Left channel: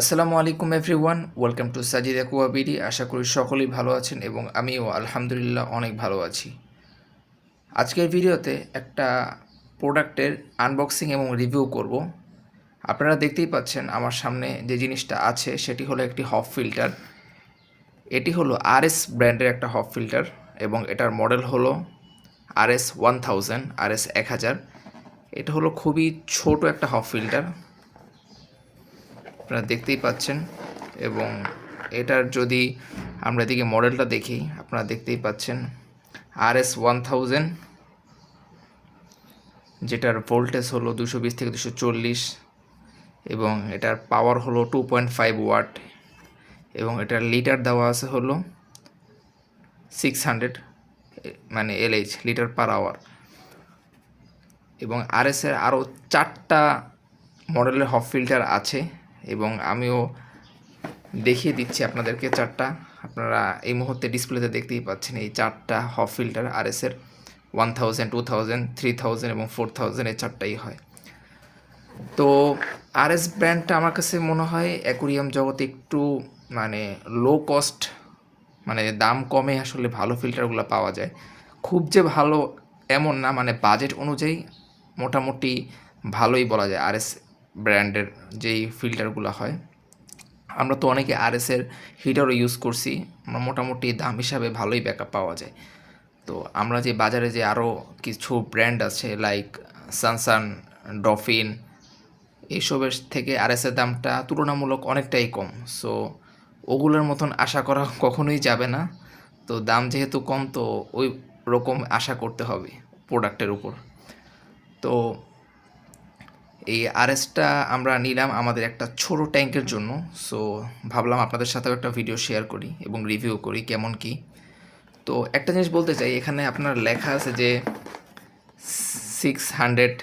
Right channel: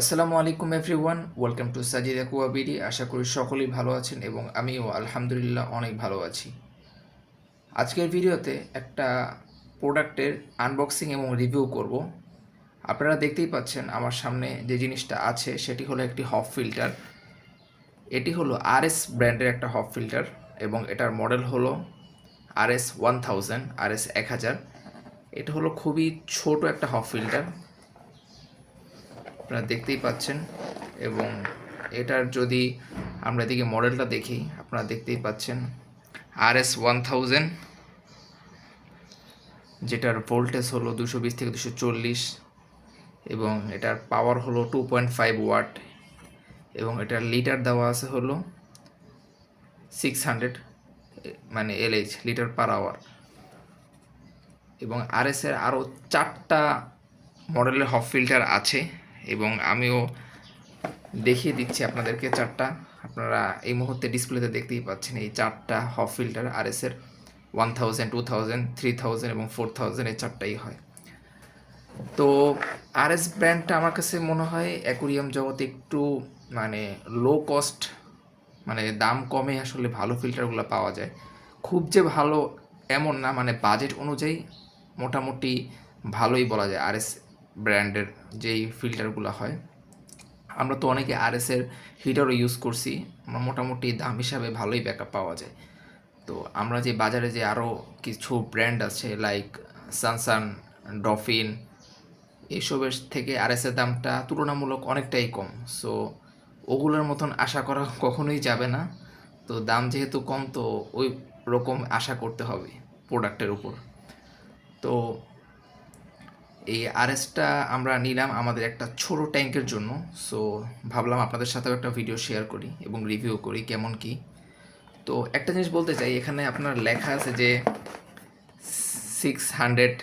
আসসালামু আলাইকুম everyone, welcome to Sajid অ্যাকুয়াবিডি। আশা করি সকলেই ভালো আছেন এবং আমিও আলহামদুলিল্লাহ অনেক ভালো আছি। আজকের ভিডিওতে একটা প্রোডাক্টের আনবক্সিং এবং রিভিউ করব। আপনারা দেখতেই পাচ্ছেন আমার সামনে যে জিনিসটা আছে সেটি হলো একটি হপ ফিল্টার। এটি হলো আরএস ব্র্যান্ডের একটা হপ ফিল্টার এবং এটার মডেল হলো RS1000, RS1000। এটা হলো খুবই ছোট একটা হপ ফিল্টার, আপনারা দেখতেই পাচ্ছেন। এবং এটার যদি আমরা এদিকে মডেলটা দেখি, আপনারা দেখতেই পাচ্ছেন RS1000, যেটার ভোল্টেজ হলো 220 থেকে 240 এবং এটার পাওয়ার হলো 2.5 ওয়াট এবং এটার লিটার দেওয়া আছে হলো 600, মানে LH, লিটার পার আওয়ার। এবং আরএসের আরও 4টা মডেলের হপ ফিল্টার আছে এবং আমিও দেখিয়ে দিচ্ছি আপনাদেরকে 4টা। আপনারা এই মুহূর্তে ডিসপ্লেতে দেখতেই পাচ্ছেন এই 4টা হপ ফিল্টার আরএসের 1000, 2000, 3000 এবং 4000, এই 4টাই হয়। তো আরএস ব্র্যান্ডটা আমার কাছে মনে হয় অ্যাকুরিয়াম জগতে একটু মানে লো কস্ট, মানে দাম কমে আসলে ভালো ফিল্টারগুলো পাওয়া যায়। খুব যে ভালো এমন না, মানে বাজেট অনুযায়ী মোটামুটি ভালোই বলা যায় আরএস ব্র্যান্ডের যেই ফিল্টারগুলো হয়। আমরা তো অনেকে আরএসের হিটারও ইউজ করছি, আমরা মোটামুটি দাম হিসাবে ভালোই ব্যাকআপ পাওয়া যায়। তো আমরা যে বাজারে যে আরও কিছু ব্র্যান্ড আছে লাইক সানসান, ডফিন, এইসবের থেকে আরএসের দামটা তুলনামূলক অনেকটাই কম। সো ওগুলোর মতন আশা করা কখনোই যাবে না। তো দাম যেহেতু কম, তো ওই রকম আশা করতে হবে প্রোডাক্টের উপর। তো এই আরএসটা আমরা নিলাম আমাদের একটা ছোট ট্যাঙ্কের জন্য। সো ভাবলাম আপনাদের সাথেও একটা ভিডিও শেয়ার করি এবং রিভিউ করি কেমন কি। তো একটা জিনিস বলতে চাই, এখানে আপনার লেখা আছে যে 600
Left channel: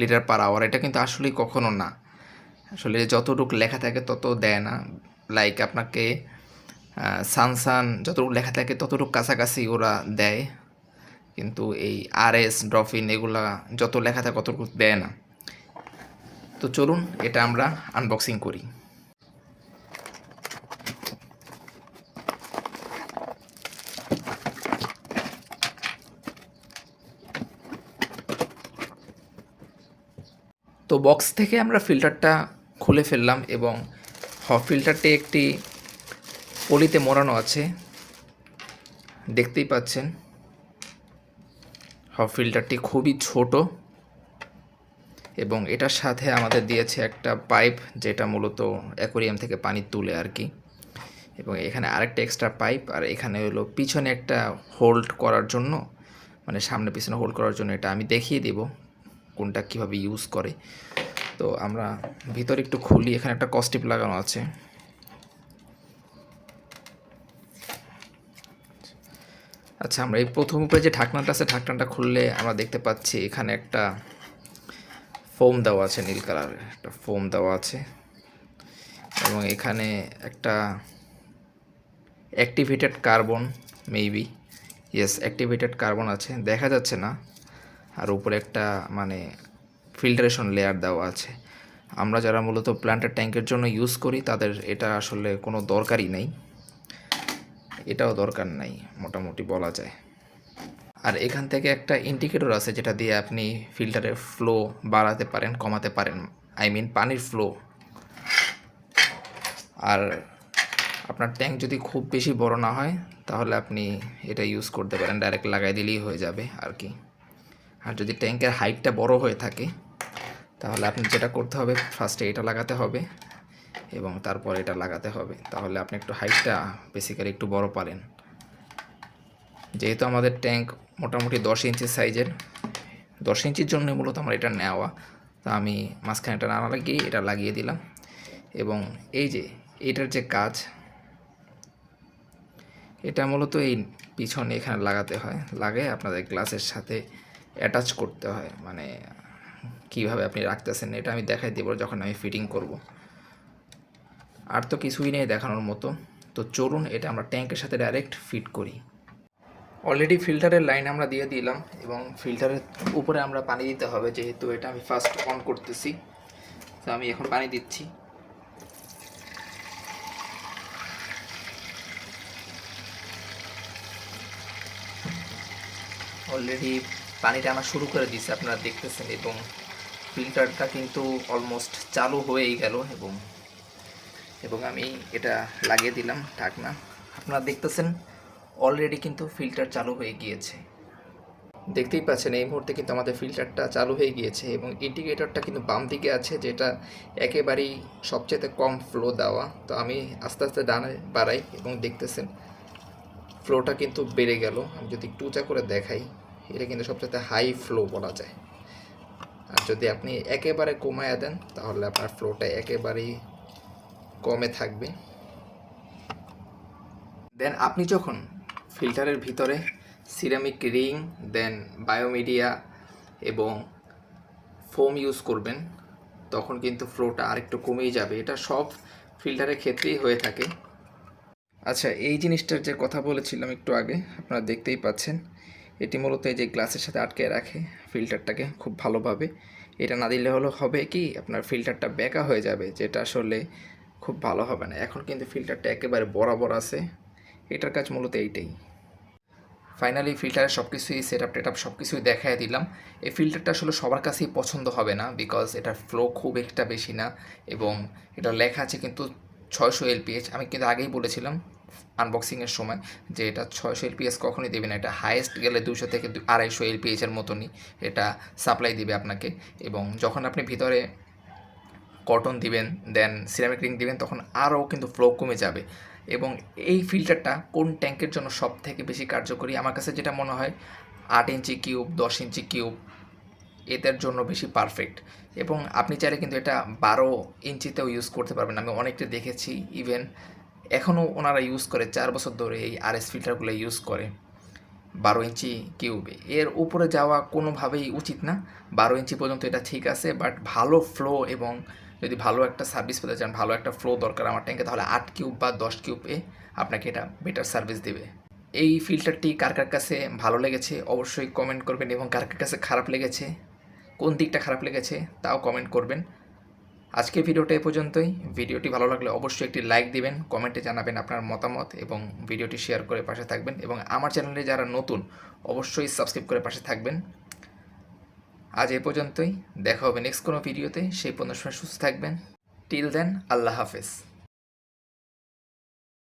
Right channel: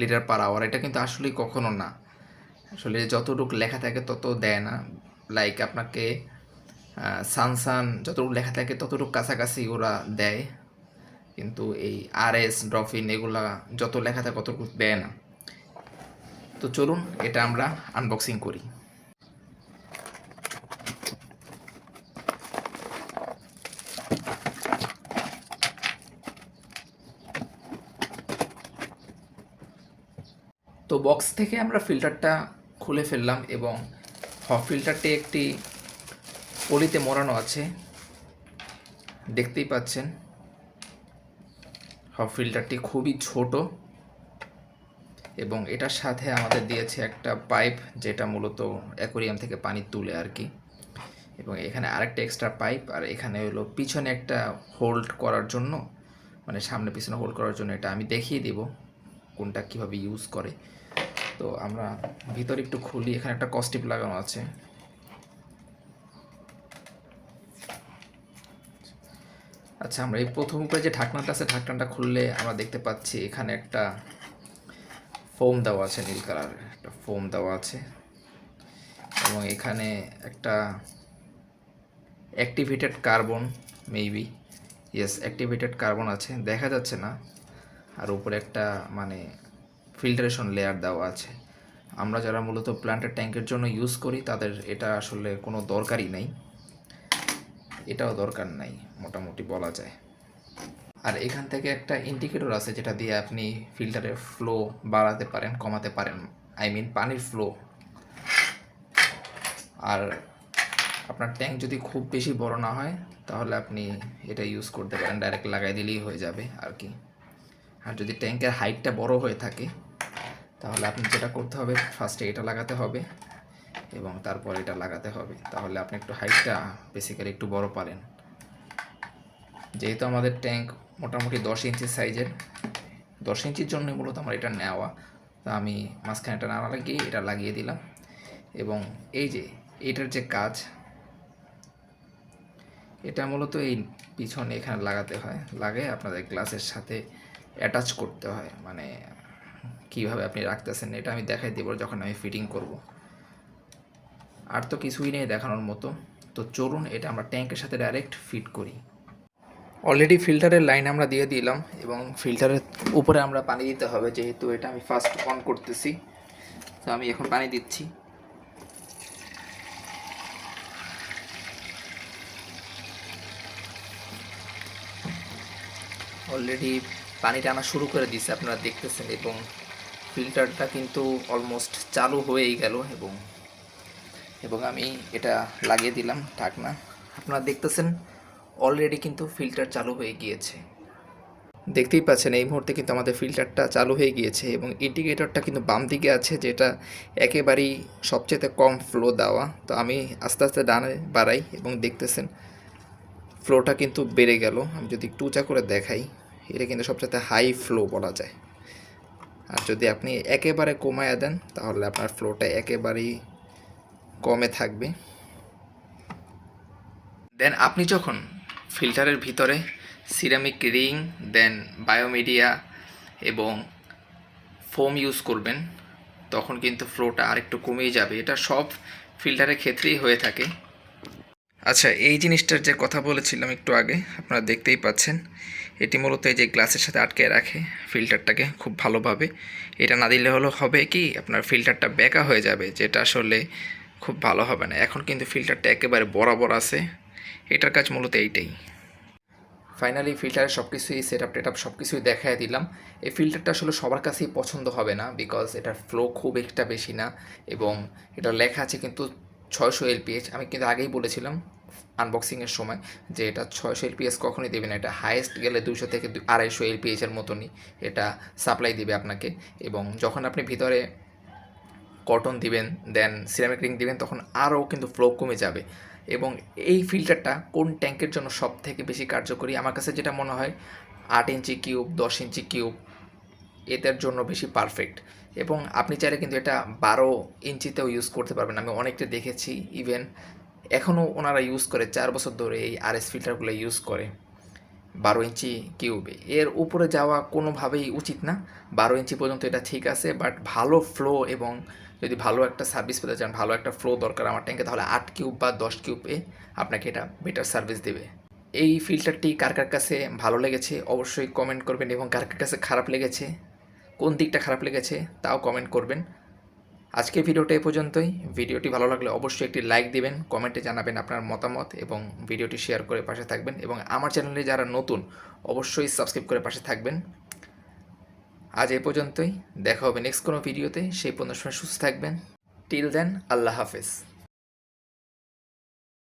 লিটার পার আওয়ার। এটা কিন্তু আসলেই কখনো না, আসলে যতটুকু লেখা থাকে তত দেয় না। লাইক আপনাকে সানসান যতটুকু লেখা থাকে ততটুকু কাছাকাছি ওরা দেয়, কিন্তু এই আরএস, ড্রফিন এগুলা যত লেখা থাকে ততটুকু দেয় না। তো চলুন এটা আমরা আনবক্সিং করি। তো বক্স থেকে আমরা ফিল্টারটা খুলে ফেললাম এবং ফিল্টারটি একটি পলিতে মোড়ানো আছে, দেখতেই পাচ্ছেন। ফিল্টারটি খুবই ছোট এবং এটার সাথে আমাদের দিয়েছে একটা পাইপ, যেটা মূলত অ্যাকোরিয়াম থেকে পানি তুলে আর কি। এবং এখানে আরেকটা এক্সট্রা পাইপ, আর এখানে হলো পিছনে একটা হোল্ড করার জন্য, মানে সামনে পিছনে হোল্ড করার জন্য। এটা আমি দেখিয়ে দেব কোনটা কীভাবে ইউজ করে। তো আমরা ভিতরে একটু খুলি, এখানে একটা কস্টিপ লাগানো আছে। আচ্ছা, আমরা এই প্রথম উপরে যে ঢাকনাটা আছে, ঢাকনাটা খুললে আমরা দেখতে পাচ্ছি এখানে একটা ফোম দেওয়া আছে, নীল কালারের একটা ফোম দেওয়া আছে এবং এখানে একটা activated carbon, maybe yes activated carbon আছে, দেখা যাচ্ছে না। আর উপরে একটা মানে ফিল্টারেশন লেয়ার দেওয়া আছে। আমরা যারা মূলত প্ল্যান্টের ট্যাঙ্কের জন্য ইউজ করি তাদের এটা আসলে কোনো দরকারই নেই, এটাও দরকার নাই মোটামুটি বলা যায়। আর এখান থেকে একটা ইন্ডিকেটর আছে যেটা দিয়ে আপনি ফিল্টারের ফ্লো বাড়াতে পারেন, কমাতে পারেন, আই মিন পানির ফ্লো। আর আপনার ট্যাঙ্ক যদি খুব বেশি বড় না হয় তাহলে আপনি এটা ইউজ করতে পারেন, ডাইরেক্ট লাগাই দিলেই হয়ে যাবে আর কি। আর যদি ট্যাঙ্কের হাইটটা বড় হয়ে থাকে তাহলে আপনি যেটা করতে হবে, ফার্স্টে এটা লাগাতে হবে এবং তারপর এটা লাগাতে হবে, তাহলে আপনি একটু হাইটটা বেসিক্যালি একটু বড় পারেন। যেহেতু আমাদের ট্যাঙ্ক মোটামুটি 10 ইঞ্চি সাইজের, 10 ইঞ্চির জন্য মূলত আমার এটা নেওয়া, তো আমি মাঝখানে এটা না লাগিয়ে এটা লাগিয়ে দিলাম। এবং এই যে এটার যে কাজ, এটা মূলত এই পিছনে এখানে লাগাতে হয়, লাগিয়ে আপনাদের গ্লাসের সাথে অ্যাটাচ করতে হয়। মানে কীভাবে আপনি রাখতেছেন এটা আমি দেখাই দেবো যখন আমি ফিটিং করব। আর তো কিছুই নেই দেখানোর মতো। তো চলুন এটা আমরা ট্যাঙ্কের সাথে ডাইরেক্ট ফিট করি। অলরেডি ফিল্টারের লাইন আমরা দিয়ে দিলাম এবং ফিল্টারের উপরে আমরা পানি দিতে হবে, যেহেতু এটা আমি ফার্স্ট অন করতেছি। তো আমি এখন পানি দিচ্ছি। অলরেডি পানি টানা শুরু করে দিয়েছে, আপনারা দেখতেছেন, এবং ফিল্টারটা কিন্তু অলমোস্ট চালু হয়েই গেল, এবং এবং আমি এটা লাগিয়ে দিলাম ঢাকনা। আপনারা দেখতেছেন অলরেডি কিন্তু ফিল্টার চালু হয়ে গিয়েছে। দেখতেই পাচ্ছেন এই মুহূর্তে কিন্তু আমাদের ফিল্টারটা চালু হয়ে গিয়েছে, এবং ইন্ডিকেটরটা কিন্তু বাম দিকে আছে, যেটা একেবারেই সবচেয়ে কম ফ্লো দেওয়া। তো আমি আস্তে আস্তে ডানে বাড়াই এবং দেখতেছেন ফ্লোটা কিন্তু বেড়ে গেল। আমি যদি একটু উঁচা করে দেখাই, এটা কিন্তু সবচেয়ে হাই ফ্লো বলা যায়। আর যদি আপনি একেবারে কমায়া দেন তাহলে আপনার ফ্লোটা একেবারেই কমে থাকবে। দেন আপনি যখন ফিল্টারের ভিতরে সিরামিক রিং, দেন বায়োমিডিয়া এবং ফোম ইউজ করবেন, তখন কিন্তু ফ্লোটা আরেকটু কমেই যাবে। এটা সব ফিল্টারের ক্ষেত্রেই হয়ে থাকে। আচ্ছা, এই জিনিসটার যে কথা বলেছিলাম একটু আগে, আপনারা দেখতেই পাচ্ছেন এটি মূলত এই যে গ্লাসের সাথে আটকে রাখে ফিল্টারটাকে খুব ভালোভাবে। এটা না দিলে হবে কি, আপনার ফিল্টারটা বেঁকা হয়ে যাবে, যেটা আসলে খুব ভালো হবে না। এখন কিন্তু ফিল্টারটা একেবারে বরাবর আছে, এটার কাজ মূলত এইটাই। ফাইনালি ফিল্টারের সব কিছুই সেট আপ সব কিছুই দেখাই দিলাম। এই ফিল্টারটা আসলে সবার কাছেই পছন্দ হবে না, বিকজ এটার ফ্লো খুব একটা বেশি না, এবং এটা লেখা আছে কিন্তু 600 এলপিএইচ। আমি কিন্তু আগেই বলেছিলাম আনবক্সিংয়ের সময় যে এটা 600 এলপিএস কখনোই দেবে না, এটা হাইয়েস্ট গেলে 200 থেকে 250 এলপিএইচের মতনই এটা সাপ্লাই দিবে আপনাকে। এবং যখন আপনি ভিতরে কটন দিবেন, দেন সিরামিক রিং দিবেন, তখন আরও কিন্তু ফ্লো কমে যাবে। এবং এই ফিল্টারটা কোন ট্যাঙ্কের জন্য সব থেকে বেশি কার্যকরী আমার কাছে যেটা মনে হয়, 8 ইঞ্চি কিউব, 10 ইঞ্চি কিউব, এদের জন্য বেশি পারফেক্ট। এবং আপনি চাইলে কিন্তু এটা 12 ইঞ্চিতেও ইউজ করতে পারবেন। আমি অনেকটা দেখেছি, ইভেন এখনও ওনারা ইউজ করে, 4 বছর ধরে এই আরএস ফিল্টারগুলো ইউজ করে 12 ইঞ্চি কিউবে। এর উপরে যাওয়া কোনোভাবেই উচিত না। 12 ইঞ্চি পর্যন্ত এটা ঠিক আছে, বাট ভালো ফ্লো এবং যদি ভালো একটা সার্ভিস পেতে চান, ভালো একটা ফ্লো দরকার আমার ট্যাঙ্কে, তাহলে 8 কিউব বা 10 কিউবে আপনাকে এটা বেটার সার্ভিস দেবে। এই ফিল্টারটি কার কার কাছে ভালো লেগেছে অবশ্যই কমেন্ট করবেন, এবং কার কার কাছে খারাপ লেগেছে, কোন দিকটা খারাপ লেগেছে তাও কমেন্ট করবেন। আজকের ভিডিওটা এ পর্যন্তই। ভিডিওটি ভালো লাগলে অবশ্যই একটি লাইক দিবেন, কমেন্টে জানাবেন আপনার মতামত, এবং ভিডিওটি শেয়ার করে পাশে থাকবেন, এবং আমার চ্যানেলে যারা নতুন অবশ্যই সাবস্ক্রাইব করে পাশে থাকবেন। আজ এ পর্যন্তই, দেখা হবে নেক্সট কোনো ভিডিওতে। সেই পর্যন্ত সময় সুস্থ থাকবেন। টিল দেন, আল্লাহ হাফেজ।